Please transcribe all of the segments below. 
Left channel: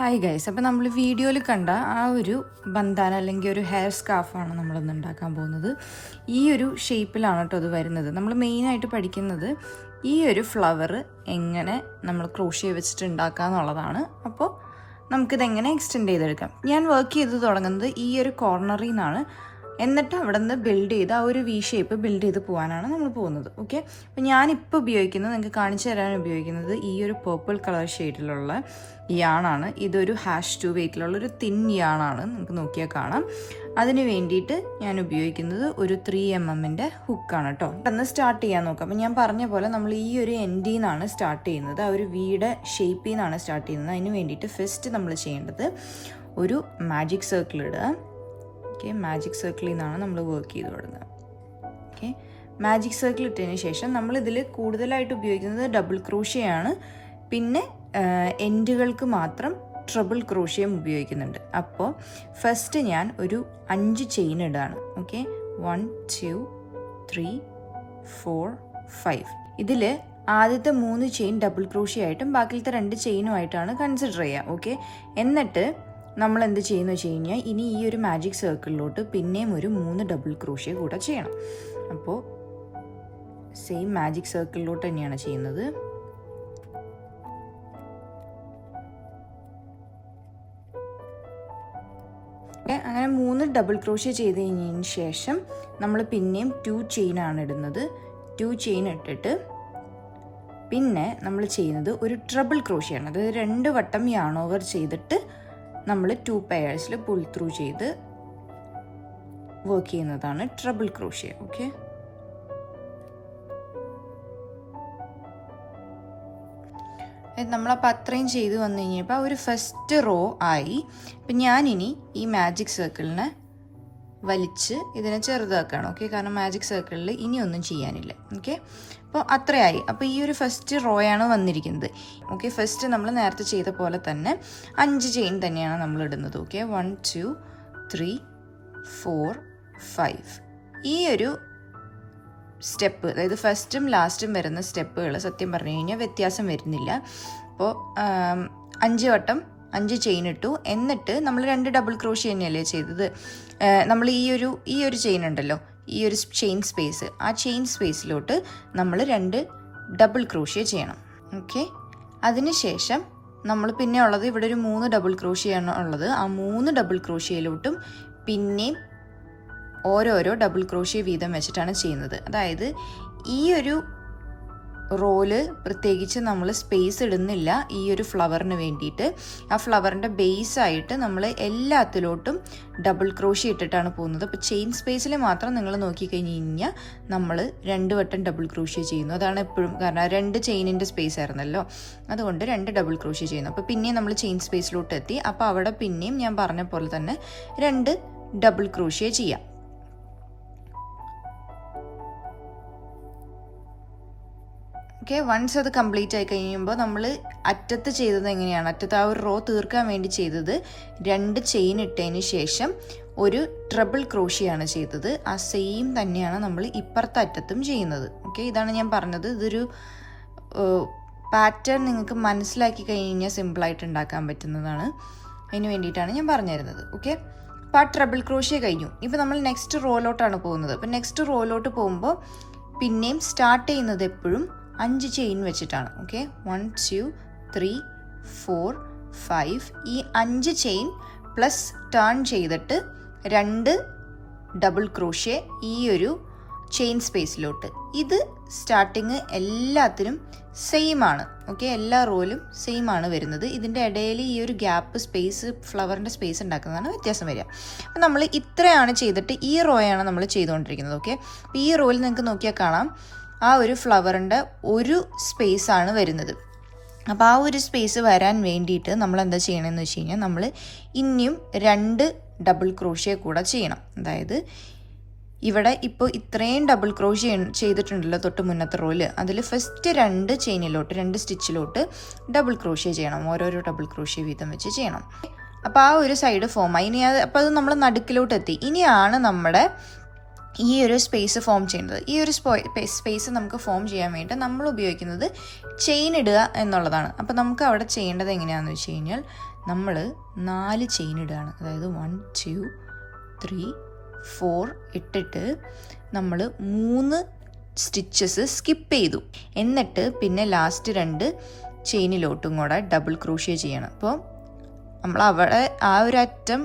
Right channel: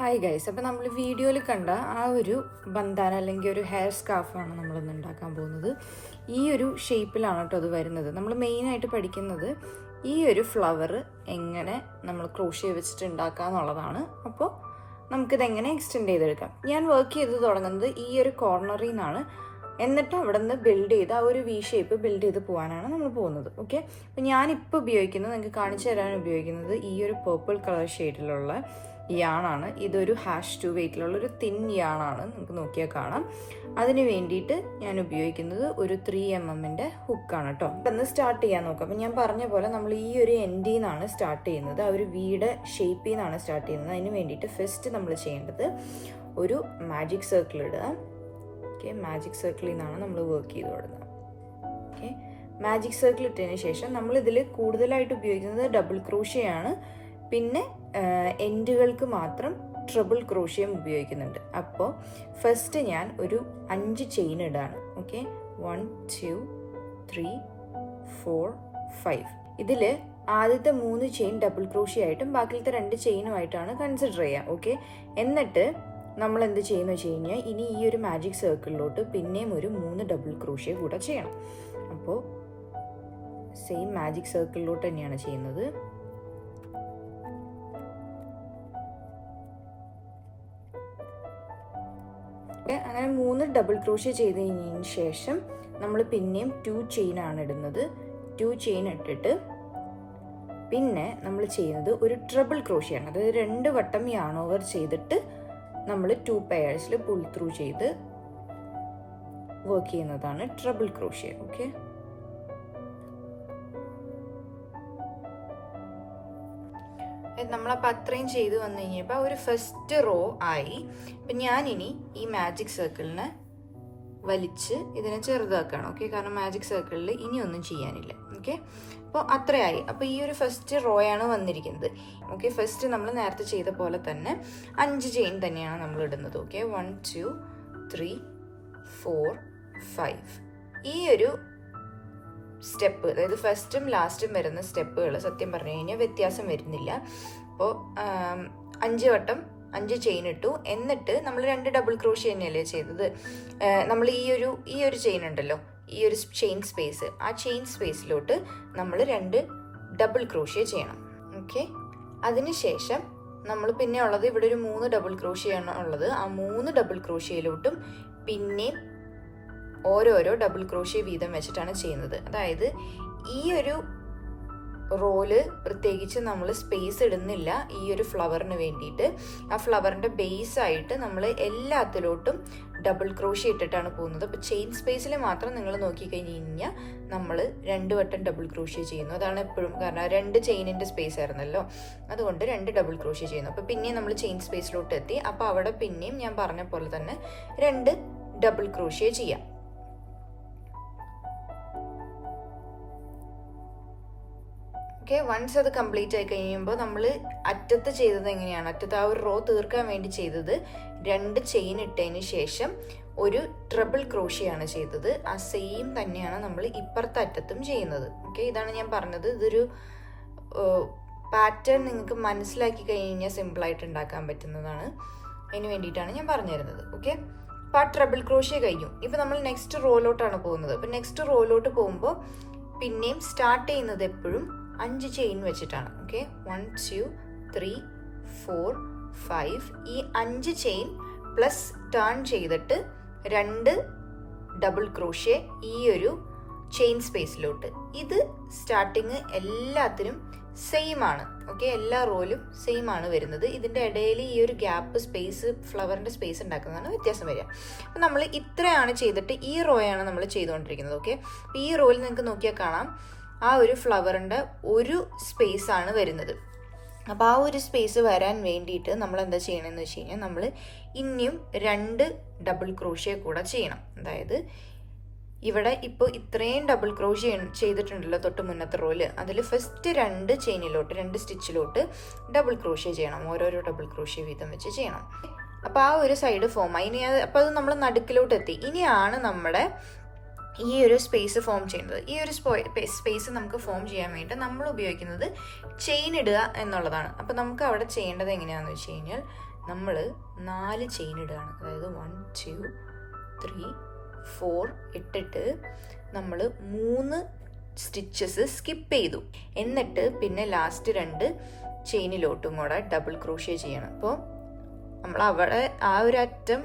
Hi guys, അപ്പോൾ നമ്മൾ വീഡിയോയിൽ കണ്ട ആ ഒരു ബന്ധാന അല്ലെങ്കിൽ ഒരു ഹെയർ സ്കാർഫാണ് നമ്മളൊന്ന് ഉണ്ടാക്കാൻ പോകുന്നത്. ഈ ഒരു ഷേപ്പിലാണ് കേട്ടോ അത് വരുന്നത്. നമ്മൾ മെയിനായിട്ട് പഠിക്കുന്നത് ഈ ഒരു ഫ്ലവർ എങ്ങനെ നമ്മൾ ക്രോഷ്യ വെച്ചിട്ട് ഉണ്ടാക്കുക എന്നുള്ളതാണ്. അപ്പോൾ നമുക്കിതെങ്ങനെ എക്സ്റ്റെൻഡ് ചെയ്തെടുക്കാം. ഞാൻ വർക്ക് ചെയ്ത് തുടങ്ങുന്നത് ഈ ഒരു കോർണറിൽ നിന്നാണ്. എന്നിട്ട് അവിടെ നിന്ന് ബിൽഡ് ചെയ്ത് ആ ഒരു വി ഷേപ്പ് ബിൽഡ് ചെയ്ത് പോകാനാണ് നമ്മൾ പോകുന്നത്. ഓക്കെ, അപ്പം ഞാനിപ്പോൾ ഉപയോഗിക്കുന്നത്, നിങ്ങൾക്ക് കാണിച്ചു തരാൻ ഉപയോഗിക്കുന്നത് ഈ ഒരു പേർപ്പിൾ കളർ ഷെയ്ഡിലുള്ള യാണാണ്. ഇതൊരു #2 വെയിറ്റിലുള്ള ഒരു തിൻ യാണാണ്, നമുക്ക് നോക്കിയാൽ കാണാം. അതിന് വേണ്ടിയിട്ട് ഞാൻ ഉപയോഗിക്കുന്നത് ഒരു 3mm ഹുക്കാണ് കേട്ടോ. പെട്ടെന്ന് സ്റ്റാർട്ട് ചെയ്യാൻ നോക്കാം. അപ്പം ഞാൻ പറഞ്ഞ പോലെ നമ്മൾ ഈ ഒരു എൻഡിൽ നിന്നാണ് സ്റ്റാർട്ട് ചെയ്യുന്നത്, ആ ഒരു വീയുടെ ഷേപ്പിൽ നിന്നാണ് സ്റ്റാർട്ട് ചെയ്യുന്നത്. അതിന് വേണ്ടിയിട്ട് ഫസ്റ്റ് നമ്മൾ ചെയ്യേണ്ടത് ഒരു മാജിക് സർക്കിൾ ഇടുക. ഓക്കെ, മാജിക് സർക്കിളിൽ നിന്നാണ് നമ്മൾ വർക്ക് ചെയ്ത് തുടങ്ങുന്നത്. ഓക്കെ, മാജിക് സർക്കിൾ ഇട്ടതിന് ശേഷം നമ്മളിതിൽ കൂടുതലായിട്ട് ഉപയോഗിക്കുന്നത് ഡബിൾ ക്രോഷ്യയാണ്. പിന്നെ എൻഡുകൾക്ക് മാത്രം ട്രിപ്പിൾ ക്രോഷ്യം ഉപയോഗിക്കുന്നുണ്ട്. അപ്പോൾ ഫസ്റ്റ് ഞാൻ ഒരു 5 ചെയിൻ ഇടാണ്. ഓക്കെ, 1 2 3 4 5. ഇതിൽ ആദ്യത്തെ 3 ചെയിൻ ഡബിൾ ക്രോഷ്യ ആയിട്ടും ബാക്കിലത്തെ 2 ചെയിനുമായിട്ടാണ് കൺസിഡർ ചെയ്യുക. ഓക്കെ, എന്നിട്ട് നമ്മൾ എന്ത് ചെയ്യുന്നു വെച്ച് കഴിഞ്ഞാൽ ഇനി ഈ ഒരു മാജിക് സർക്കിളിലോട്ട് പിന്നെയും ഒരു 3 ഡബിൾ ക്രോഷ്യ കൂടെ ചെയ്യണം. അപ്പോൾ സെയിം മാജിക് സർക്കിളിലോട്ട് തന്നെയാണ് ചെയ്യുന്നത്. അങ്ങനെ 3 ഡബിൾ ക്രോഷ്യ ചെയ്ത് കഴിഞ്ഞതിന് ശേഷം നമ്മൾ പിന്നെയും 2 ചെയിനാണ് ഇടുന്നത്. 2 ചെയിൻ ഇട്ടിട്ട് പിന്നെ നമ്മൾ ചെയ്യുന്നത് ഒരു ട്രിപ്പിൾ ക്രോഷ്യയാണ്. അതായത് 2 വട്ടം യാൺ ഓവർ ചെയ്തിട്ട് നമ്മൾ 2 പെയർസിൽ പുൾ ത്രൂ ചെയ്ത് വർക്ക് ചെയ്യുന്നതാണ് ട്രിപ്പിൾ ക്രോഷ്യ. ഓക്കെ, നമ്മളപ്പോൾ അത്രയും ചെയ്ത് വന്നു കഴിഞ്ഞപ്പോൾ ഒരു ഫസ്റ്റ് റോ ആയി. അപ്പം ഞാനിനി ഈ മാജിക് സർക്കിളിനെ വലിച്ച് ഇതിനെ ചെറുതാക്കണം. ഓക്കെ, കാരണം മാജിക് സർക്കിളിൽ ഇനിയൊന്നും ചെയ്യാനില്ല. ഓക്കെ, അപ്പോൾ അത്രയായി. അപ്പോൾ ഈ ഒരു ഫസ്റ്റ് റോയാണ് വന്നിരിക്കുന്നത്. ഓക്കെ, ഫസ്റ്റ് നമ്മൾ നേരത്തെ ചെയ്ത പോലെ തന്നെ 5 ചെയിൻ തന്നെയാണ് നമ്മൾ ഇടുന്നത്. ഓക്കെ, 1 2 3 4 5. ഈ ഒരു സ്റ്റെപ്പ്, അതായത് ഫസ്റ്റും ലാസ്റ്റും വരുന്ന സ്റ്റെപ്പുകൾ സത്യം പറഞ്ഞു കഴിഞ്ഞാൽ വ്യത്യാസം വരുന്നില്ല. അപ്പോൾ 5 വട്ടം 5 ചെയിൻ ഇട്ടു. എന്നിട്ട് നമ്മൾ 2 ഡബിൾ ക്രോഷ്യ തന്നെയല്ലേ ചെയ്തത്. നമ്മൾ ഈ ഒരു ചെയിൻ ഉണ്ടല്ലോ, ഈ ഒരു ചെയിൻ സ്പേസ്, ആ ചെയിൻ സ്പേസിലോട്ട് നമ്മൾ 2 ഡബിൾ ക്രോഷ്യ ചെയ്യണം. ഓക്കെ, അതിനുശേഷം നമ്മൾ പിന്നെ ഉള്ളത് ഇവിടെ ഒരു 3 ഡബിൾ ക്രോഷ്യയാണ് ഉള്ളത്. ആ 3 ഡബിൾ ക്രോഷ്യയിലോട്ടും പിന്നെയും ഓരോരോ ഡബിൾ ക്രോഷ്യ വീതം വെച്ചിട്ടാണ് ചെയ്യുന്നത്. അതായത് ഈ ഒരു റോല് പ്രത്യേകിച്ച് നമ്മൾ സ്പേസ് ഇടുന്നില്ല ഈ ഒരു ഫ്ലവറിന് വേണ്ടിയിട്ട്. ആ ഫ്ലവറിൻ്റെ ബേസായിട്ട് നമ്മൾ എല്ലാത്തിലോട്ടും ഡബിൾ ക്രോഷ്യ ഇട്ടിട്ടാണ് പോകുന്നത്. അപ്പോൾ ചെയിൻ സ്പേസിൽ മാത്രം നിങ്ങൾ നോക്കിക്കഴിഞ്ഞ് കഴിഞ്ഞാൽ നമ്മൾ 2 വട്ടം ഡബിൾ ക്രോഷ്യ ചെയ്യുന്നു. അതാണ് എപ്പോഴും, കാരണം 2 ചെയിനിൻ്റെ സ്പേസ് ആയിരുന്നല്ലോ, അതുകൊണ്ട് 2 ഡബിൾ ക്രോഷ്യ ചെയ്യുന്നു. അപ്പോൾ പിന്നെയും നമ്മൾ ചെയിൻ സ്പേസിലോട്ട് എത്തി. അപ്പോൾ അവിടെ പിന്നെയും ഞാൻ പറഞ്ഞ പോലെ തന്നെ 2 ഡബിൾ ക്രോഷ്യ ചെയ്യാം. ഓക്കെ, വൺസ് അത് കംപ്ലീറ്റ് ആയി കഴിയുമ്പോൾ നമ്മൾ അറ്റത്ത് ചെയ്തത് എങ്ങനെയാണ്, അറ്റത്ത് ആ ഒരു റോ തീർക്കാൻ വേണ്ടി ചെയ്തത് 2 ചെയിൻ ഇട്ടതിന് ശേഷം ഒരു ട്രിപ്പിൾ ക്രോഷ്യയാണ് ചെയ്തത്. ആ സെയിം തന്നെയാണ് നമ്മൾ ഇപ്പുറത്തെ അറ്റത്തും ചെയ്യുന്നത്. ഓക്കെ, ഇതാണ് ഞാൻ പറഞ്ഞത്. ഇതൊരു പാറ്റേൺ നിങ്ങൾക്ക് മനസ്സിലാക്കി കഴിഞ്ഞാൽ സിമ്പിളായിട്ട് ഉണ്ടാക്കാൻ പറ്റുന്നതാണ്. അതിന് വേണ്ടിയിട്ടാണ് ഞാൻ പറഞ്ഞു തരുന്നത്. ഓക്കെ, അപ്പോൾ ആ ട്രിപ്പിൾ ക്രോഷ്യ കഴിഞ്ഞു. ഇപ്പോൾ നമ്മൾ നെക്സ്റ്റ് റോയിലോട്ടാണ് പോകുന്നത്. അപ്പോൾ നെക്സ്റ്റ് റോയിലോട്ട് പോകുമ്പോൾ പിന്നെയും സ്റ്റാർട്ട് ചെയ്യുന്നത് എപ്പോഴും 5 ചെയിൻ വെച്ചിട്ടാണ്. ഓക്കെ, 1 2 3 4 5. ഈ 5 ചെയിൻ പ്ലസ് ടേൺ ചെയ്തിട്ട് 2 ഡബിൾ ക്രോഷ്യ ഈ ഒരു ചെയിൻ സ്പേസിലോട്ട്. ഇത് സ്റ്റാർട്ടിങ് എല്ലാത്തിനും സെയിം ആണ്. ഓക്കെ, എല്ലാ റോയിലും സെയിം ആണ് വരുന്നത്. ഇതിൻ്റെ ഇടയിൽ ഈ ഒരു ഗ്യാപ്പ് സ്പേസ്, ഫ്ലവറിൻ്റെ സ്പേസ് ഉണ്ടാക്കുന്നതാണ് വ്യത്യാസം വരിക. അപ്പം നമ്മൾ ഇത്രയാണ് ചെയ്തിട്ട് ഈ റോയാണ് നമ്മൾ ചെയ്തുകൊണ്ടിരിക്കുന്നത്. ഓക്കെ, അപ്പോൾ ഈ റോയിൽ നിങ്ങൾക്ക് നോക്കിയാൽ കാണാം ആ ഒരു ഫ്ലവറിൻ്റെ ഒരു സ്പേസാണ് വരുന്നത്. അപ്പോൾ ആ ഒരു സ്പേസ് വരാൻ വേണ്ടിയിട്ട് നമ്മൾ എന്താ ചെയ്യണമെന്ന് വെച്ച് കഴിഞ്ഞാൽ നമ്മൾ ഇനിയും 2 ഡബിൾ ക്രോഷ്യ കൂടെ ചെയ്യണം. അതായത് ഇവിടെ ഇപ്പോൾ ഇത്രയും ഡബിൾ ക്രോഷ്യ ചെയ്തിട്ടുണ്ടല്ലോ തൊട്ട് മുന്നത്തെ റോയിൽ, അതിൽ ഫസ്റ്റ് 2 ചെയിനിലോട്ട് 2 സ്റ്റിച്ചിലോട്ട് ഡബിൾ ക്രോഷ്യ ചെയ്യണം. ഓരോരോ ഡബിൾ ക്രോഷ്യ വീതം വെച്ച് ചെയ്യണം. അപ്പോൾ ആ ഒരു സൈഡ് ഫോമായി. ഇനി അപ്പോൾ അത് നമ്മൾ നടുക്കിലോട്ട് എത്തി. ഇനിയാണ് നമ്മുടെ ഈ ഒരു സ്പേസ് ഫോം ചെയ്യേണ്ടത്. ഈ ഒരു സ്പേസ് നമുക്ക് ഫോം ചെയ്യാൻ വേണ്ടി നമ്മൾ ഉപയോഗിക്കുന്നത് ചെയിൻ ഇടുക എന്നുള്ളതാണ്. അപ്പോൾ നമുക്ക് അവിടെ ചെയ്യേണ്ടത് എങ്ങനെയാണെന്ന് വെച്ച് കഴിഞ്ഞാൽ നമ്മൾ 4 ചെയിൻ ഇടുകയാണ്. അതായത് 1 2 3 4 ഇട്ടിട്ട് നമ്മൾ 3 സ്റ്റിച്ചസ് സ്കിപ്പ് ചെയ്തു. എന്നിട്ട് പിന്നെ ലാസ്റ്റ് 2 ചെയിനിലോട്ടും കൂടെ ഡബിൾ ക്രോഷ്യ ചെയ്യണം. അപ്പോൾ നമ്മൾ അവിടെ ആ ഒരു അറ്റം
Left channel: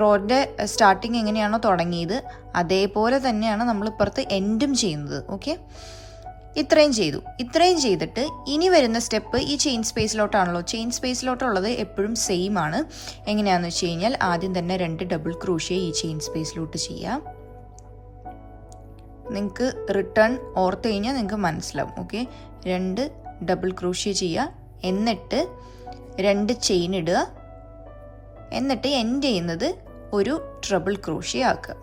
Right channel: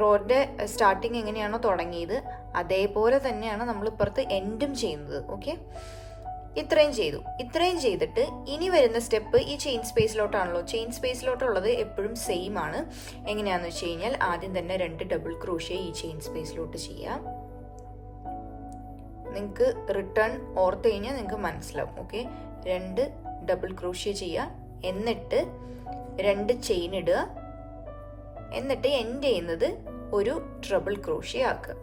റോഡിൻ്റെ സ്റ്റാർട്ടിങ് എങ്ങനെയാണോ തുടങ്ങിയത് അതേപോലെ തന്നെയാണ് നമ്മൾ ഇപ്പുറത്ത് എൻഡും ചെയ്യുന്നത്. ഓക്കെ, ഇത്രയും ചെയ്തു. ഇത്രയും ചെയ്തിട്ട് ഇനി വരുന്ന സ്റ്റെപ്പ് ഈ ചെയിൻ സ്പേസിലോട്ടാണല്ലോ. ചെയിൻ സ്പേസിലോട്ടുള്ളത് എപ്പോഴും സെയിം ആണ്. എങ്ങനെയാണെന്ന് വെച്ച് കഴിഞ്ഞാൽ ആദ്യം തന്നെ 2 ഡബിൾ ക്രോഷ്യ ഈ ചെയിൻ സ്പേസിലോട്ട് ചെയ്യാം. നിങ്ങൾക്ക് റിട്ടേൺ ഓർത്ത് കഴിഞ്ഞാൽ നിങ്ങൾക്ക് മനസ്സിലാവും. ഓക്കെ, 2 ഡബിൾ ക്രോഷ്യ ചെയ്യുക, എന്നിട്ട് 2 ചെയിൻ ഇടുക, എന്നിട്ട് എൻഡ് ചെയ്യുന്നത് ഒരു ട്രിപ്പിൾ ക്രോഷ്യ ആക്കുക.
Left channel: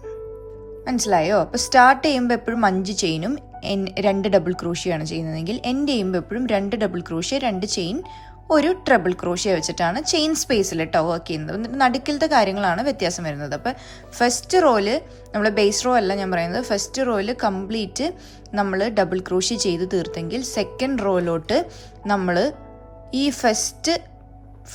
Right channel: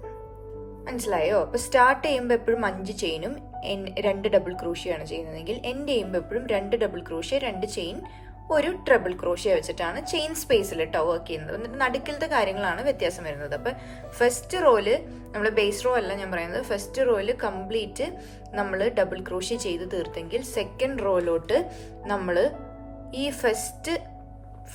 മനസ്സിലായോ? അപ്പോൾ സ്റ്റാർട്ട് ചെയ്യുമ്പോൾ എപ്പോഴും 5 ചെയിനും 2 ഡബിൾ ക്രോഷ്യയാണ് ചെയ്യുന്നതെങ്കിൽ എൻഡ് ചെയ്യുമ്പോൾ എപ്പോഴും 2 ഡബിൾ ക്രോഷ്യ 2 ചെയിൻ ഒരു ട്രിപ്പിൾ ക്രോഷ്യ വെച്ചിട്ടാണ് ചെയിൻ സ്പേസിൽ വർക്ക് ചെയ്യുന്നത്. നടുക്കിലത്തെ കാര്യങ്ങളാണ് വ്യത്യാസം വരുന്നത്. അപ്പോൾ ഫസ്റ്റ് റോയിൽ നമ്മൾ ബേസ് റോ അല്ല ഞാൻ പറയുന്നത്, ഫസ്റ്റ് റോയിൽ കംപ്ലീറ്റ് നമ്മൾ ഡബിൾ ക്രോഷ്യ ചെയ്ത് തീർത്തെങ്കിൽ സെക്കൻഡ് റോയിലോട്ട് നമ്മൾ ഈ ഫസ്റ്റ്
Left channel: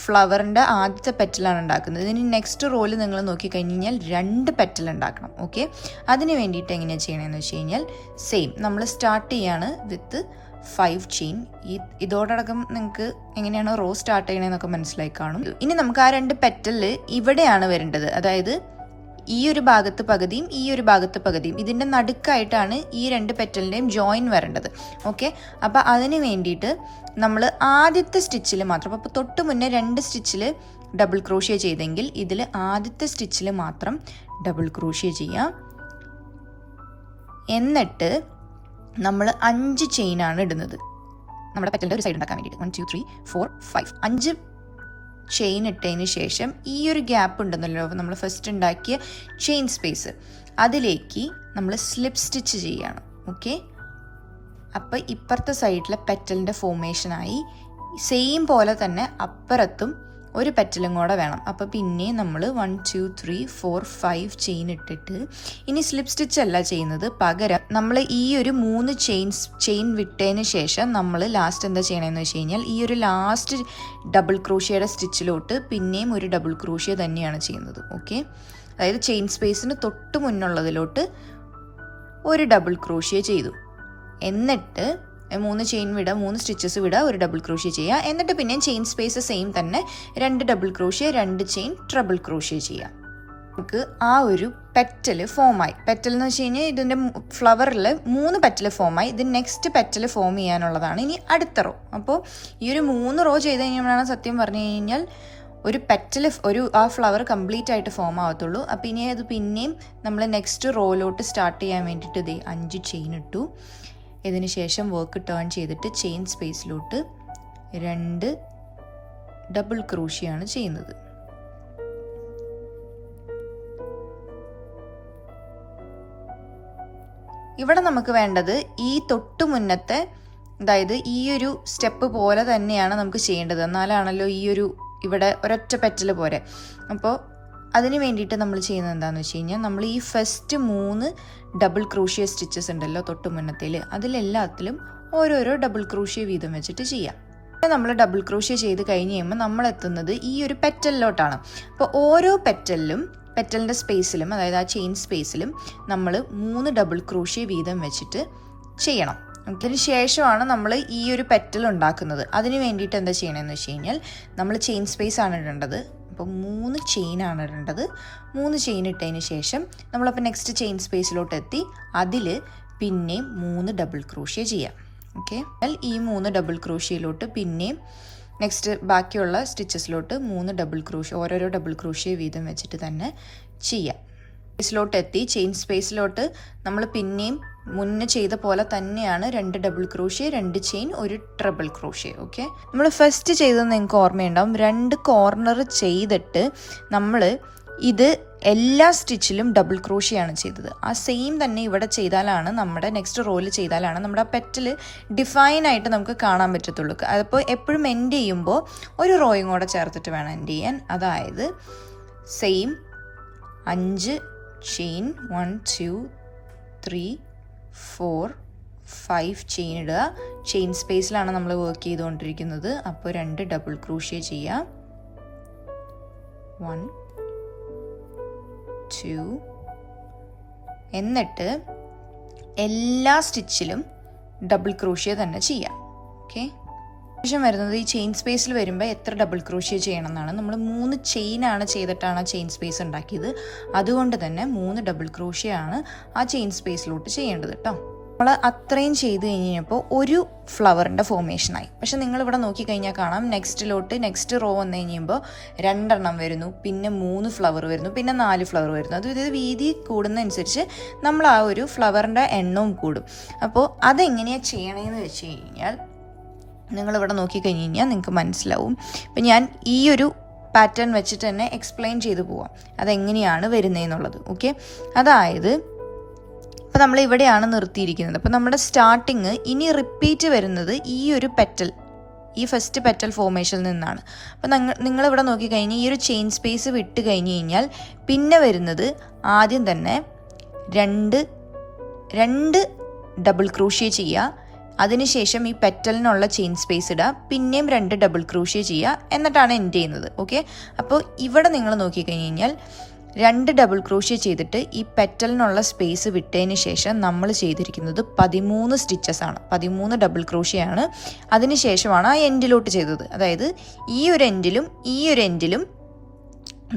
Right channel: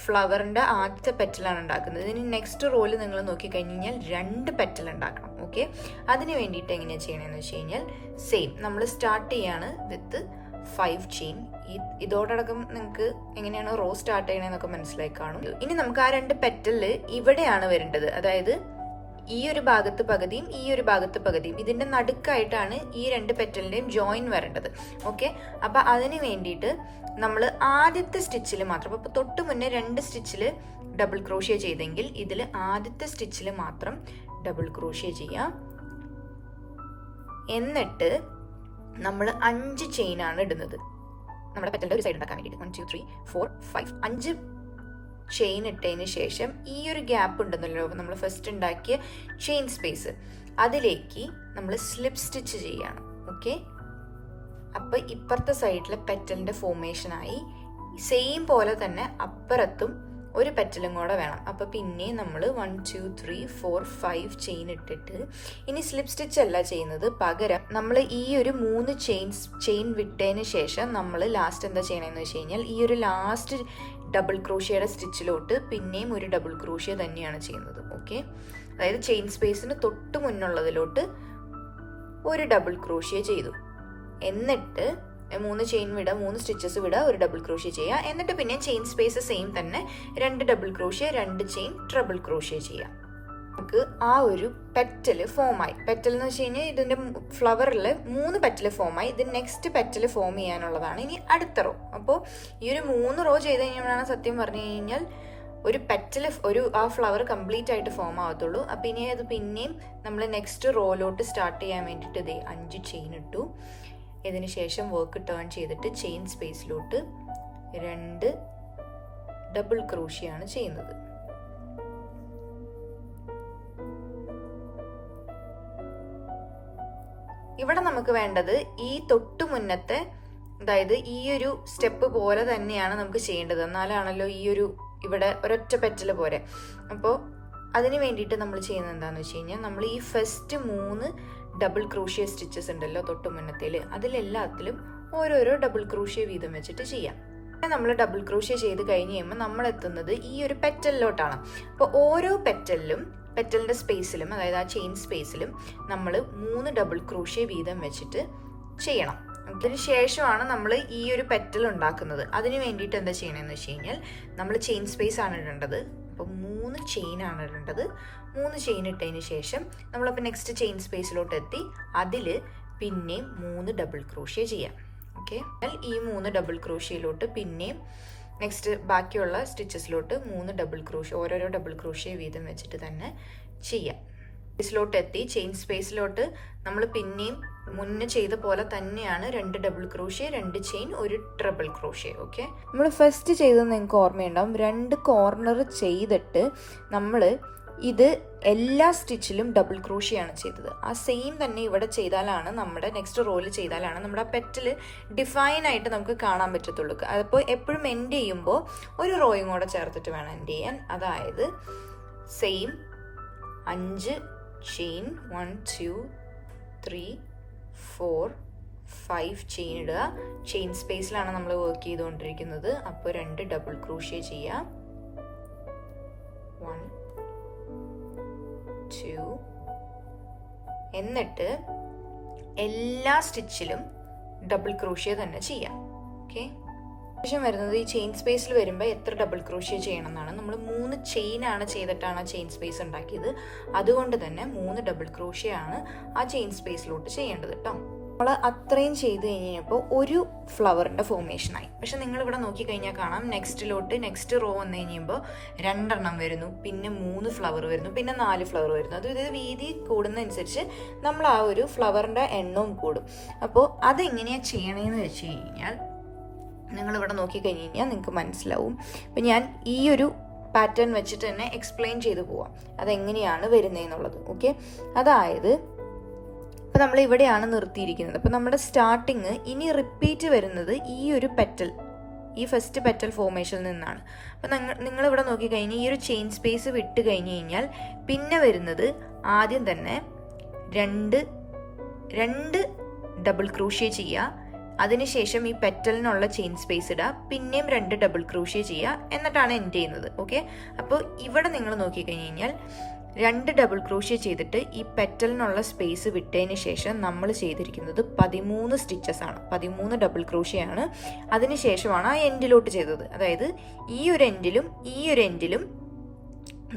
ഫ്ലവറിൻ്റെ ആദ്യത്തെ പെറ്റലാണ് ഉണ്ടാക്കുന്നത്. ഇതിന് നെക്സ്റ്റ് റോയിൽ നിങ്ങൾ നോക്കിക്കഴിഞ്ഞാൽ 2 പെറ്റൽ ഉണ്ടാക്കണം. ഓക്കെ, അതിന് വേണ്ടിയിട്ട് എങ്ങനെയാണ് ചെയ്യണമെന്ന് വെച്ച് കഴിഞ്ഞാൽ സെയിം നമ്മൾ സ്റ്റാർട്ട് ചെയ്യാണ് വിത്ത് 5 ചെയിൻ. ഇതോടകം നിങ്ങൾക്ക് എങ്ങനെയാണോ റോ സ്റ്റാർട്ട് ചെയ്യണമെന്നൊക്കെ മനസ്സിലായി കാണും. ഇനി നമുക്ക് ആ 2 പെറ്റലിൽ ഇവിടെയാണ് വരേണ്ടത്. അതായത് ഈ ഒരു ഭാഗത്ത് പകുതിയും ഈ ഒരു ഭാഗത്ത് പകുതിയും, ഇതിൻ്റെ നടുക്കായിട്ടാണ് ഈ 2 പെറ്റലിൻ്റെയും ജോയിൻ വരേണ്ടത്. ഓക്കെ, അപ്പോൾ അതിന് വേണ്ടിയിട്ട് നമ്മൾ ആദ്യത്തെ സ്റ്റിച്ചിൽ മാത്രം, അപ്പോൾ തൊട്ട് മുന്നേ 2 സ്റ്റിച്ചിൽ ഡബിൾ ക്രോഷ്യ ചെയ്തെങ്കിൽ ഇതിൽ ആദ്യത്തെ സ്റ്റിച്ചിൽ മാത്രം ഡബിൾ ക്രോഷ്യ ചെയ്യാം. എന്നിട്ട് നമ്മൾ 5 ചെയിനാണ് ഇടുന്നത് നമ്മുടെ പെറ്റലിൻ്റെ ഒരു സൈഡ് ഉണ്ടാക്കാൻ വേണ്ടിയിട്ട്. 1 2 3 4 5 5 ചെയിൻ ഇട്ടതിന് ശേഷം ഈ ഒരു ഗ്യാപ്പ് ഉണ്ടെന്നല്ലോ നമ്മൾ ഫസ്റ്റ് ഉണ്ടാക്കിയ ചെയിൻ സ്പേസ്, അതിലേക്ക് നമ്മൾ സ്ലിപ്പ് സ്റ്റിച്ച് ചെയ്യണം. ഓക്കെ, അപ്പോൾ ഇപ്പുറത്തെ സൈഡിലെ പെറ്റലിൻ്റെ ഫോർമേഷനായി സെയിം പോലെ തന്നെ അപ്പുറത്തും ഒരു പെറ്റലും കൂടെ വേണം. അപ്പോൾ പിന്നെ നമ്മൾ 1 2 3 4 5 ചെയിൻ ഇട്ടിട്ട് ഇനി സ്ലിപ്പ് സ്റ്റിച്ച് അല്ല ചെയ്യുന്നത്, പകരം നമ്മൾ ഈ ഒരു 3 ചെയിൻ വിട്ടതിന് ശേഷം നമ്മൾ ലാസ്റ്റ് എന്താ ചെയ്യണമെന്ന് വെച്ച് കഴിഞ്ഞാൽ ഈ ഒരു ലാസ്റ്റ് ഡബിൾ ക്രോഷ്യയുടെ സ്റ്റിച്ചിലോട്ട് പിന്നെയും ഒരു ഡബിൾ ക്രോഷ്യ തന്നെയാണ് ചെയ്യുന്നത്. ഓക്കെ, അതായത് ചെയിൻ സ്പേസിന് തൊട്ട് മുന്നുള്ളതിലോട്ട് ഒരു ഡബിൾ ക്രോഷ്യ ചെയ്തു, എന്നിട്ട് 3 ചെയിൻ വിടുക, 3 സ്റ്റിച്ചസ് വിടുക, ഒരു ഡബിൾ ക്രോഷ്യ ചെയ്യുക, എന്നിട്ട് പിന്നെ ചെയിൻ സ്പേസ് സെയിം തന്നെ 2 double crochet 2 chain triple crochet ചെയ്യുക. നമുക്ക് ആ ഒരു പെറ്റൽ ഫോമായി. പെറ്റൽ എന്ന് വെച്ച് കഴിഞ്ഞാൽ ഇതിൻ്റെ ഫ്ലവറിൽ 3 പെറ്റൽ ഫോമായി. ഇത് നെക്സ്റ്റ് പെറ്റൽ ഫോം ചെയ്യാനുള്ളതാണ് ഇനി അടുത്ത റോ. അപ്പോൾ ഈ ഒരു 3 റോ ചെയ്ത് കഴിഞ്ഞാൽ സത്യം പറഞ്ഞു കഴിഞ്ഞാൽ ഒരു പെറ്റൽ ആ ഫ്ലവർ കംപ്ലീറ്റ് ആയിട്ട് ഫോം ആവത്തുള്ളൂ. അപ്പം ഇനി അത് പിന്നെയും നമ്മൾ നെക്സ്റ്റ് റോയിലോട്ട് സ്റ്റാർട്ട് ചെയ്യാൻ വേണ്ടിയിട്ട് ഇതേ 5 ചെയിൻ ഇട്ടു. ഇതിന് ശേഷം വർക്ക് ടേൺ ചെയ്തിട്ട് ചെയിൻ സ്പേസിലോട്ട് 2 ഡബിൾ ക്രോഷ്യയാണ് ചെയ്യുന്നത്. ഇവിടെ നമുക്ക് വേണ്ടത് ഈ തൊട്ട് മുന്നത്തെ, അതായത് ഈ ഒരു സ്റ്റെപ്പ് പോലെ തന്നെയാണ് നമുക്ക് ചെയ്യേണ്ടത്, എന്നാലാണല്ലോ ഈ ഒരു ഇവിടെ ഒരൊറ്റ പെറ്റൽ പോരെ. അപ്പോൾ അതിന് വേണ്ടിയിട്ട് നമ്മൾ ചെയ്യുന്നത് എന്താണെന്ന് വെച്ച് കഴിഞ്ഞാൽ നമ്മൾ ഈ ഫസ്റ്റ് 3 ഡബിൾ ക്രോഷ്യ സ്റ്റിച്ചസ് ഉണ്ടല്ലോ തൊട്ട് മുന്നത്തേൽ, അതിലെല്ലാത്തിലും ഓരോരോ ഡബിൾ ക്രോഷ്യ വീതം വെച്ചിട്ട് ചെയ്യാം. നമ്മൾ ഡബിൾ ക്രോഷ്യ ചെയ്ത് കഴിഞ്ഞ് കഴിയുമ്പോൾ നമ്മൾ എത്തുന്നത് ഈ ഒരു പെറ്റലിലോട്ടാണ്. അപ്പോൾ ഓരോ പെറ്റലിൻ്റെ സ്പേസിലും, അതായത് ആ ചെയിൻ സ്പേസിലും നമ്മൾ 3 ഡബിൾ ക്രോഷ്യ വീതം വെച്ചിട്ട് ചെയ്യണം. അതിന് ശേഷമാണ് നമ്മൾ ഈ ഒരു പെറ്റൽ ഉണ്ടാക്കുന്നത്. അതിന് വേണ്ടിയിട്ട് എന്താ ചെയ്യണമെന്ന് വെച്ച് കഴിഞ്ഞാൽ നമ്മൾ ചെയിൻ സ്പേസ് ആണ് ഇടേണ്ടത്. അപ്പോൾ 3 ചെയിനാണ് ഇടേണ്ടത്. 3 ചെയിൻ ഇട്ടതിന് ശേഷം നമ്മളപ്പോൾ നെക്സ്റ്റ് ചെയിൻ സ്പേസിലോട്ട് എത്തി അതിൽ പിന്നെയും 3 ഡബിൾ ക്രോഷ്യ ചെയ്യാം. ഓക്കെ, ഈ 3 ഡബിൾ ക്രോഷ്യയിലോട്ട് പിന്നെയും നെക്സ്റ്റ് ബാക്കിയുള്ള സ്റ്റിച്ചസിലോട്ട് 3 ഡബിൾ ക്രോഷ്യ, ഓരോരോ ഡബിൾ ക്രോഷ്യ വീതം വെച്ചിട്ട് തന്നെ ചെയ്യാം. സ്പേസിലോട്ട് എത്തി ചെയിൻ സ്പേസിലോട്ട് നമ്മൾ പിന്നെയും മുന്നേ ചെയ്ത പോലെ തന്നെയാണ് 2 ഡബിൾ ക്രോഷ്യ 2 ചെയിൻ ഒരു ട്രിപ്പിൾ ക്രോഷ്യ. ഓക്കെ, നമ്മൾ ഫസ്റ്റ് ചെയ്തത് നിങ്ങൾക്ക് ഓർമ്മയുണ്ടാവും, 2 കോർണർ ചെയ്തിട്ട് നമ്മൾ ഇത് എല്ലാ സ്റ്റിച്ചിലും ഡബിൾ ക്രോഷ്യയാണ് ചെയ്തത്. ആ സെയിം തന്നെ ഇവിടെ ചെയ്താലാണ് നമ്മുടെ നെക്സ്റ്റ് റോയിൽ ചെയ്താലാണ് നമ്മുടെ ആ പെറ്റൽ ഡിഫൈൻ ആയിട്ട് നമുക്ക് കാണാൻ പറ്റത്തുള്ളൂ. അപ്പോൾ എപ്പോഴും എൻഡ് ചെയ്യുമ്പോൾ ഒരു റോയും കൂടെ ചേർത്തിട്ട് വേണം എൻഡ് ചെയ്യാൻ. അതായത് സെയിം 5 ചെയിൻ 1 2 3 4 5 ചെയിൻ ഇടുക. ചെയിൻ സ്പേസിലാണ് നമ്മൾ വർക്ക് ചെയ്തുകൊണ്ടിരിക്കുന്നത്. അപ്പോൾ 2 ഡബിൾ ക്രോഷ്യ ചെയ്യാം. 1 2. എന്നിട്ട് എല്ലാ സ്റ്റിച്ചിലും ഡബിൾ ക്രോഷ്യ തന്നെ ചെയ്യാം. ഓക്കെ, ശേഷം വരുന്നത് ഈ ചെയിൻ സ്പേസിൽ വരുമ്പോൾ എത്ര ഡബിൾ ക്രോഷ്യ ചെയ്യണം എന്നാണ്. നമ്മൾ 3 ചെയിനാണ് ചെയ്തിട്ടാണ് ആ ചെയിൻ സ്പേസ് ഉണ്ടാക്കിയത്. അതുകൊണ്ട് തന്നെ 3 ഡബിൾ ക്രോഷ്യ ആണ് ആ ചെയിൻ സ്പേസിലോട്ട് ചെയ്യേണ്ടത് കേട്ടോ. നമ്മൾ അത്രയും ചെയ്ത് കഴിഞ്ഞപ്പോൾ ഒരു ഫ്ലവറിൻ്റെ ഫോർമേഷനായി. പക്ഷെ നിങ്ങളിവിടെ നോക്കിക്കഴിഞ്ഞാൽ കാണാം, നെക്സ്റ്റ് റോ വന്നു കഴിയുമ്പോൾ 2 എണ്ണം വരുന്നു, പിന്നെ 3 ഫ്ലവർ വരുന്നു, പിന്നെ 4 ഫ്ലവർ വരുന്നു. അത് ഇത് വീതി കൂടുന്നതനുസരിച്ച് നമ്മൾ ആ ഒരു ഫ്ലവറിൻ്റെ എണ്ണവും കൂടും. അപ്പോൾ അതെങ്ങനെയാണ് ചെയ്യണമെന്ന് വെച്ച് കഴിഞ്ഞാൽ നിങ്ങളിവിടെ നോക്കിക്കഴിഞ്ഞ് കഴിഞ്ഞാൽ നിങ്ങൾക്ക് മനസ്സിലാവും. ഇപ്പം ഞാൻ ഈ ഒരു പാറ്റേൺ വെച്ചിട്ട് തന്നെ എക്സ്പ്ലെയിൻ ചെയ്തു പോവാം അതെങ്ങനെയാണ് വരുന്നതെന്നുള്ളത്. ഓക്കെ, അതായത് ഇപ്പോൾ നമ്മൾ ഇവിടെയാണ് നിർത്തിയിരിക്കുന്നത്. അപ്പോൾ നമ്മുടെ സ്റ്റാർട്ടിങ് ഇനി റിപ്പീറ്റ് വരുന്നത് ഈ ഒരു പെറ്റൽ, ഈ ഫസ്റ്റ് പെറ്റൽ ഫോർമേഷനിൽ നിന്നാണ്. അപ്പോൾ നിങ്ങളിവിടെ നോക്കിക്കഴിഞ്ഞാൽ ഈ ഒരു ചെയിൻ സ്പേസ് വിട്ട് കഴിഞ്ഞ് കഴിഞ്ഞാൽ പിന്നെ വരുന്നത് ആദ്യം തന്നെ രണ്ട് ഡബിൾ ക്രോഷ്യ ചെയ്യുക. അതിനുശേഷം ഈ പെറ്റലിനുള്ള ചെയിൻ സ്പേസ് ഇടുക, പിന്നെയും 2 ഡബിൾ ക്രോഷ്യ ചെയ്യുക, എന്നിട്ടാണ് എൻഡ് ചെയ്യുന്നത്. ഓക്കെ, അപ്പോൾ ഇവിടെ നിങ്ങൾ നോക്കിക്കഴിഞ്ഞ് കഴിഞ്ഞാൽ 2 ഡബിൾ ക്രോഷ്യ ചെയ്തിട്ട് ഈ പെറ്റലിനുള്ള സ്പേസ് വിട്ടതിന് ശേഷം നമ്മൾ ചെയ്തിരിക്കുന്നത് 13 സ്റ്റിച്ചസ് ആണ്. 13 ഡബിൾ ക്രോഷ്യ ആണ്. അതിനുശേഷമാണ് ആ എൻഡിലോട്ട് ചെയ്തത്. അതായത് ഈ ഒരു എൻഡിലും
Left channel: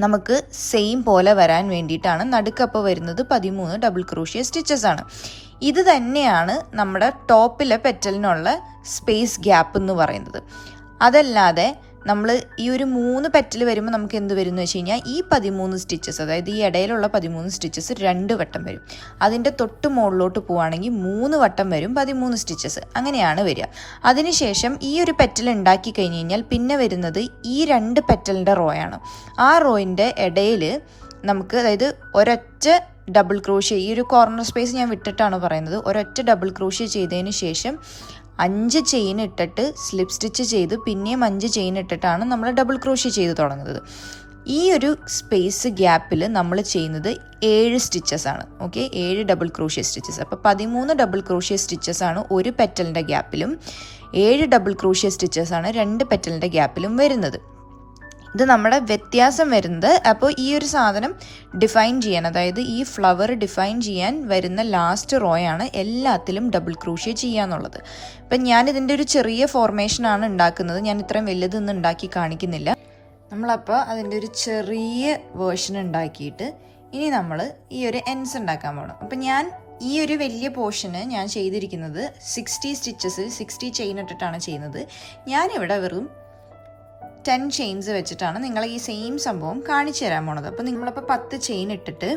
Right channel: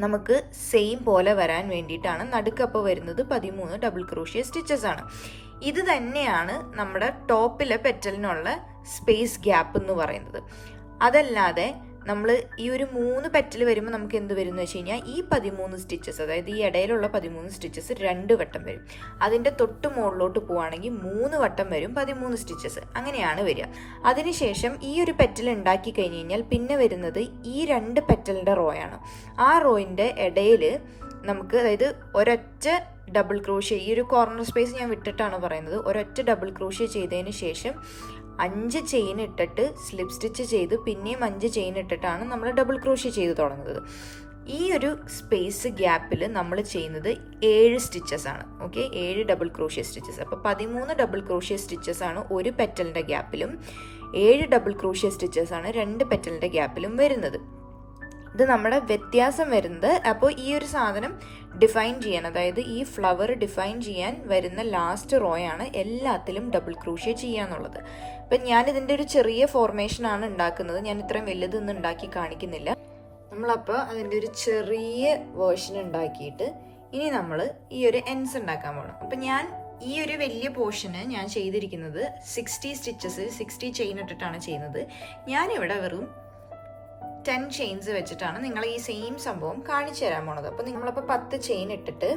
നമുക്ക് സെയിം പോലെ വരാൻ വേണ്ടിയിട്ടാണ് നടുക്കപ്പോൾ വരുന്നത് 13 ഡബിൾ ക്രോഷ്യ സ്റ്റിച്ചസ് ആണ്. ഇത് തന്നെയാണ് നമ്മുടെ ടോപ്പിലെ പെറ്റലിനുള്ള സ്പേസ് ഗ്യാപ്പ് എന്ന് പറയുന്നത്. അതല്ലാതെ നമ്മൾ ഈ ഒരു 3 പെറ്റൽ വരുമ്പോൾ നമുക്ക് എന്ത് വരും എന്ന് വെച്ച് കഴിഞ്ഞാൽ ഈ 13 സ്റ്റിച്ചസ്, അതായത് ഈ ഇടയിലുള്ള 13 സ്റ്റിച്ചസ് 2 വട്ടം വരും. അതിൻ്റെ തൊട്ട് മുകളിലോട്ട് പോവുകയാണെങ്കിൽ 3 വട്ടം വരും 13 സ്റ്റിച്ചസ്. അങ്ങനെയാണ് വരിക. അതിനുശേഷം ഈ ഒരു പെറ്റൽ ഉണ്ടാക്കി കഴിഞ്ഞ് കഴിഞ്ഞാൽ പിന്നെ വരുന്നത് ഈ 2 പെറ്റലിൻ്റെ റോയാണ്. ആ റോയിൻ്റെ ഇടയിൽ നമുക്ക്, അതായത് ഒരൊറ്റ ഡബിൾ ക്രോഷ്യ, ഈ ഒരു കോർണർ സ്പേസ് ഞാൻ വിട്ടിട്ടാണ് പറയുന്നത്, ഒരൊറ്റ ഡബിൾ ക്രോഷ്യ ചെയ്തതിന് ശേഷം 5 ചെയിൻ ഇട്ടിട്ട് സ്ലിപ്പ് സ്റ്റിച്ച് ചെയ്ത് പിന്നെയും 5 ചെയിൻ ഇട്ടിട്ടാണ് നമ്മൾ ഡബിൾ ക്രോഷ്യ ചെയ്ത് തുടങ്ങുന്നത്. ഈ ഒരു സ്പേസ് ഗ്യാപ്പിൽ നമ്മൾ ചെയ്യുന്നത് 7 സ്റ്റിച്ചസ് ആണ്. Okay, 7 double crochet stitches. അപ്പോൾ 13 ഡബിൾ ക്രോഷ്യ സ്റ്റിച്ചസ് ആണ് ഒരു പെറ്റലിൻ്റെ ഗ്യാപ്പിലും, 7 ഡബിൾ ക്രോഷ്യ സ്റ്റിച്ചസ് ആണ് 2 പെറ്റലിൻ്റെ ഗ്യാപ്പിലും വരുന്നത്. ഇത് നമ്മുടെ വ്യത്യാസം വരുന്നത്. അപ്പോൾ ഈ ഒരു സാധനം ഡിഫൈൻ ചെയ്യാൻ, അതായത് ഈ ഫ്ലവർ ഡിഫൈൻ ചെയ്യാൻ വരുന്ന ലാസ്റ്റ് റോയാണ് എല്ലാത്തിലും ഡബിൾ ക്രോഷ്യ ചെയ്യാന്നുള്ളത്. ഇപ്പം ഞാനിതിൻ്റെ ഒരു ചെറിയ ഫോർമേഷനാണ് ഉണ്ടാക്കുന്നത്, ഞാൻ ഇത്രയും വലുതൊന്നും ഉണ്ടാക്കി കാണിക്കുന്നില്ല. നമ്മളപ്പോൾ അതിൻ്റെ ഒരു ചെറിയ വേർഷൻ ഉണ്ടാക്കിയിട്ട് ഇനി നമ്മൾ ഈ ഒരു എൻസ് ഉണ്ടാക്കാൻ പോകണം. അപ്പം ഞാൻ ഈ ഒരു വലിയ പോർഷന് ഞാൻ ചെയ്തിരിക്കുന്നത് 60 സ്റ്റിച്ചസ് 60 ചെയിൻ ഇട്ടിട്ടാണ് ചെയ്യുന്നത്. ഞാനിവിടെ വെറും 10 ചെയിൻസ് വെച്ചിട്ടാണ് നിങ്ങളെ ഈ സെയിം സംഭവം കാണിച്ചു തരാൻ പോണത്. അപ്പോൾ നമ്മളപ്പോൾ 10 ചെയിൻ ഇട്ടിട്ട്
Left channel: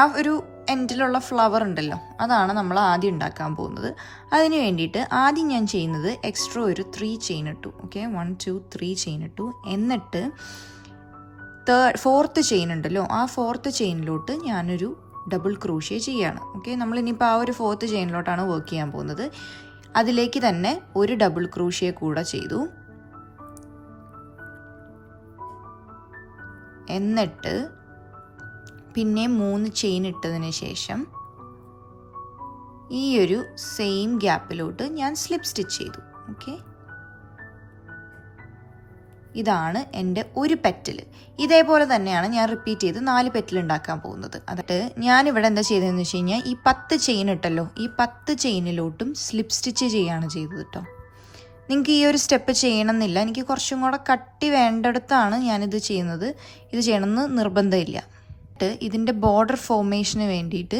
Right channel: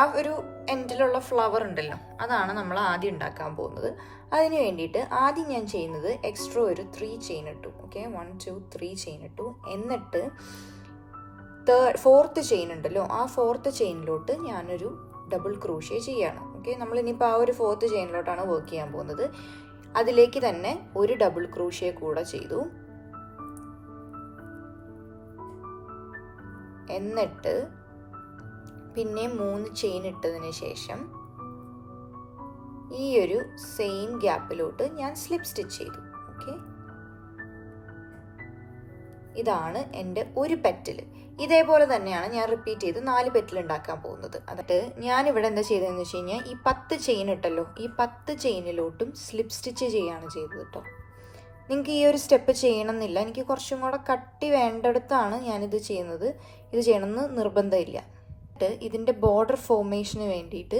ആ ഒരു എൻഡിലുള്ള ഫ്ലവർ ഉണ്ടല്ലോ, അതാണ് നമ്മൾ ആദ്യം ഉണ്ടാക്കാൻ പോകുന്നത്. അതിന് വേണ്ടിയിട്ട് ആദ്യം ഞാൻ ചെയ്യുന്നത് എക്സ്ട്രാ ഒരു 3 ചെയിൻ ഇട്ടു. ഓക്കെ, 1 2 3 ചെയിൻ ഇട്ടു. എന്നിട്ട് 4th ചെയിൻ ഉണ്ടല്ലോ, ആ 4th ചെയിനിലോട്ട് ഞാനൊരു ഡബിൾ ക്രോഷ്യ ചെയ്യാണ്. ഓക്കെ, നമ്മളിനിയിപ്പോൾ ആ ഒരു 4th ചെയിനിലോട്ടാണ് വർക്ക് ചെയ്യാൻ പോകുന്നത്. അതിലേക്ക് തന്നെ ഒരു ഡബിൾ ക്രോഷ്യ കൂടെ ചെയ്തു. എന്നിട്ട് പിന്നെ 3 ചെയിൻ ഇട്ടതിന് ശേഷം ഈ ഒരു സെയിം ഗ്യാപ്പിലോട്ട് ഞാൻ സ്ലിപ്പ് സ്റ്റിച്ച് ചെയ്തു. ഓക്കെ, ഇതാണ് എൻ്റെ ഒരു പെറ്റൽ. ഇതേപോലെ തന്നെയാണ് ഞാൻ റിപ്പീറ്റ് ചെയ്ത് 4 പെറ്റൽ ഉണ്ടാക്കാൻ പോകുന്നത്. എന്നിട്ട് ഞാനിവിടെ എന്താ ചെയ്തതെന്ന് വെച്ച് കഴിഞ്ഞാൽ ഈ 10 ചെയിൻ ഇട്ടല്ലോ, ഈ 10 ചെയിനിലോട്ടും സ്ലിപ്പ് സ്റ്റിച്ച് ചെയ്യാണ് ചെയ്തത് കേട്ടോ. നിങ്ങൾക്ക് ഈ ഒരു സ്റ്റെപ്പ് ചെയ്യണമെന്നില്ല, എനിക്ക് കുറച്ചും കൂടെ കട്ടി വേണ്ടിടത്താണ് ഞാനിത് ചെയ്യുന്നത്. ഇത് ചെയ്യണമെന്ന് നിർബന്ധമില്ല. ഇതിൻ്റെ ബോർഡർ ഫോർമേഷന് വേണ്ടിയിട്ട്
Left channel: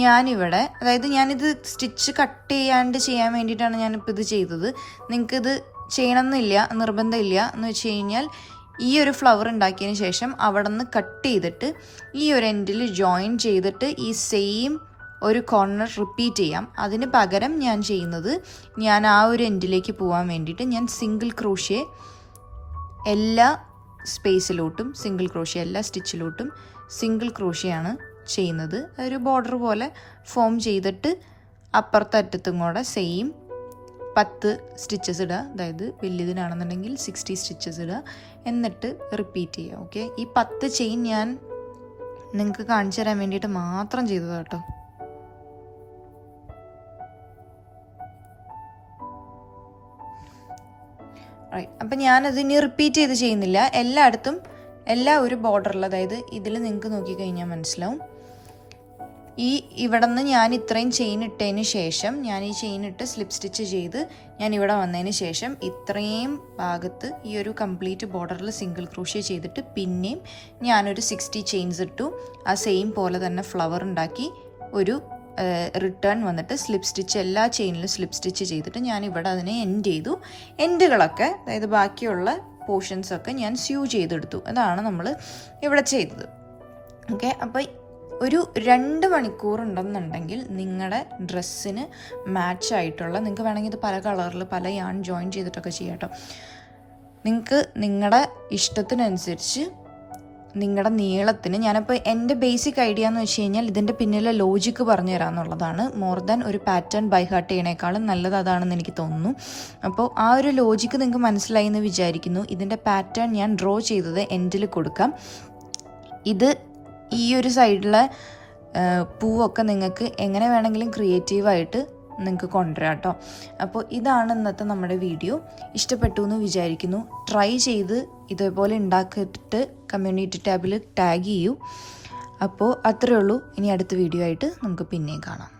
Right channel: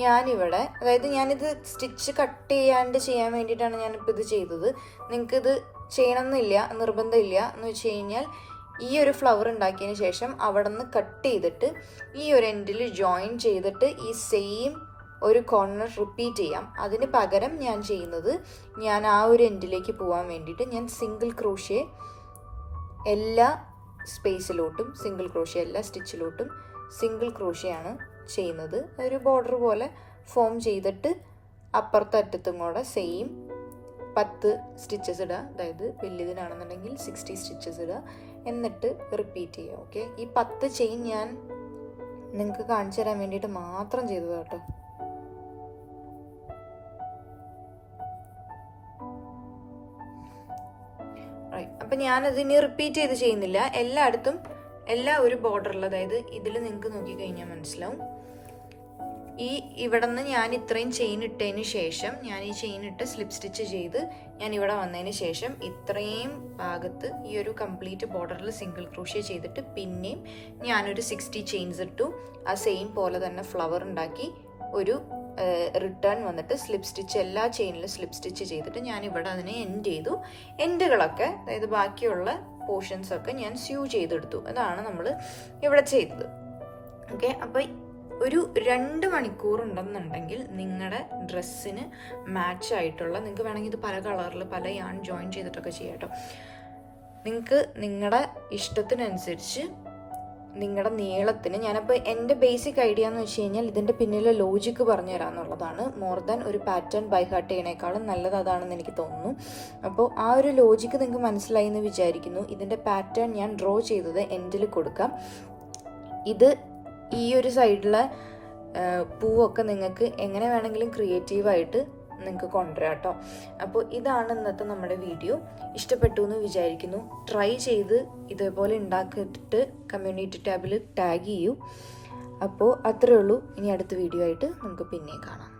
ഞാനിവിടെ, അതായത് ഞാനിത് സ്റ്റിച്ച് കട്ട് ചെയ്യാണ്ട് ചെയ്യാൻ വേണ്ടിയിട്ടാണ് ഞാനിപ്പോൾ ഇത് ചെയ്തത്. നിങ്ങൾക്കിത് ചെയ്യണമെന്നില്ല, നിർബന്ധമില്ല. എന്ന് വെച്ച് കഴിഞ്ഞാൽ ഈ ഒരു ഫ്ലവർ ഉണ്ടാക്കിയതിന് ശേഷം അവിടെ നിന്ന് കട്ട് ചെയ്തിട്ട് ഈ ഒരു എൻഡിൽ ജോയിൻ ചെയ്തിട്ട് ഈ സെയിം ഒരു കോർണർ റിപ്പീറ്റ് ചെയ്യാം. അതിന് പകരം ഞാൻ ചെയ്യുന്നത്, ഞാൻ ആ ഒരു എൻഡിലേക്ക് പോകാൻ വേണ്ടിയിട്ട് ഞാൻ സിംഗിൾ ക്രോഷ്യ എല്ലാ സ്പേസിലോട്ടും, സിംഗിൾ ക്രോഷ്യ എല്ലാ സ്റ്റിച്ചിലോട്ടും സിംഗിൾ ക്രോഷ്യയാണ് ചെയ്യുന്നത്. ഒരു ബോർഡർ പോലെ ഫോം ചെയ്തിട്ട് അപ്പുറത്തെ അറ്റത്തും കൂടെ സെയിം 10 സ്റ്റിച്ചസ് ഇടുക. അതായത് വലിയതിനാണെന്നുണ്ടെങ്കിൽ 60 സ്റ്റിച്ചസ് ഇടുക. എന്നിട്ട് റിപ്പീറ്റ് ചെയ്യുക. ഓക്കെ, ഈ 10 ചെയിൻ ഞാൻ നിങ്ങൾക്ക് കാണിച്ചു തരാൻ വേണ്ടിയിട്ട് മാത്രം ചെയ്തതാണ് കേട്ടോ. അപ്പം ഞാനതിന് റിപ്പീറ്റ് ചെയ്ത് ചെയ്യുന്നില്ല, എല്ലായിടത്തും എല്ലാം ഒരു ബോർഡറിൽ, അതായത് ഇതിൽ നിങ്ങൾക്ക് നോക്കിക്കഴിഞ്ഞാൽ മനസ്സിലാവും. ഇവിടെ നിന്ന് ഞാൻ ഇത്രയും ചെയിൻ ഇട്ടതിന് ശേഷം, ഞാൻ ഈ ചെയിൻ ഇട്ട് സ്ലിപ്പ് സ്റ്റിച്ച് ചെയ്ത് ഞാൻ ഇവിടെ വന്നതിന് ശേഷം ഇത്രയും ഭാഗത്ത് ഈ ഒരു കംപ്ലീറ്റ് ബോർഡറിൽ സിംഗിൾ ക്രോഷ്യ ചെയ്തിട്ട് പിന്നെയും ഞാനൊരു 60 ചെയിൻസ് ഇട്ടു. ആ സെയിം പോലെ തന്നെ ഫ്ലവർ ഉണ്ടാക്കി ഒരു റിട്ടേൺ വന്നിട്ട് സ്ലിപ്പ് സ്റ്റിച്ച്, എല്ലാ ചെയിനിലും സ്ലിപ്പ് സ്റ്റിച്ച് ചെയ്തിട്ട് ഞാൻ ഇവിടെ അതിനെ എൻഡ് ചെയ്തു. എൻഡുകളൊക്കെ, അതായത് ബാക്കിയുള്ള പോർഷൻസൊക്കെ ഞാൻ സ്യൂ ചെയ്തെടുത്തു. അതാണ് നമ്മൾ ഇവിടെ ചെയ്തത്. ഓക്കെ, അപ്പോൾ ഒരു 2 മണിക്കൂർ ഉണ്ടെന്നുണ്ടെങ്കിൽ നിങ്ങളുടെ ഡ്രസ്സിന് മാച്ചായിട്ടുള്ള, നിങ്ങൾക്ക് വേണമെങ്കിൽ ഇത് പല കളറിൽ പല യാൺ ജോയിൻ ചെയ്തിട്ടൊക്കെ ചെയ്യാം കേട്ടോ. നിങ്ങൾക്ക് നിങ്ങളുടെ ഇഷ്ടത്തിനനുസരിച്ച് നിങ്ങളുടെ നീളത്തിന്, ഞാനപ്പോൾ എൻ്റെ ബേസിക് ഐഡിയ എന്ന് വെച്ച് കഴിഞ്ഞാൽ ഇതിൻ്റെ പിന്നിലെ ലോജിക്ക് പറഞ്ഞു തരാമെന്നുള്ളതാണ്. മോർ ദാൻ ഒരു പാറ്റേൺ ബൈ ഹാർട്ട് ചെയ്യണേക്കാളും നല്ലത് അതാണെന്ന് എനിക്ക് തോന്നുന്നു. അപ്പോൾ ആ ഒരു ലോജിക്ക് നിങ്ങൾക്ക് മനസ്സിലായി എന്ന് വിചാരിക്കുന്നു. ഇതിൻ്റെ പാറ്റേൺ ഞാൻ ഡ്രോ ചെയ്തത് എൻഡിൽ കൊടുക്കാം. ഇത് ഈ ഒരു സൈഡിലെ പൂവൊക്കെ നിങ്ങൾക്ക് എങ്ങനെ വേണമെങ്കിലും ക്രിയേറ്റീവായിട്ട് നിങ്ങൾക്ക് കൊണ്ടുവരാം കേട്ടോ. അപ്പോൾ ഇതാണ് ഇന്നത്തെ നമ്മുടെ വീഡിയോ. ഇഷ്ടപ്പെട്ടു എന്ന് വിചാരിക്കുന്നു. ട്രൈ ചെയ്ത് ഇതേപോലെ ഉണ്ടാക്കിയിട്ട് കമ്മ്യൂണിറ്റി ടാബിൽ ടാഗ് ചെയ്യൂ. അപ്പോൾ അത്രയേ ഉള്ളൂ. ഇനി അടുത്ത വീഡിയോ ആയിട്ട് നമുക്ക് പിന്നെയും കാണാം.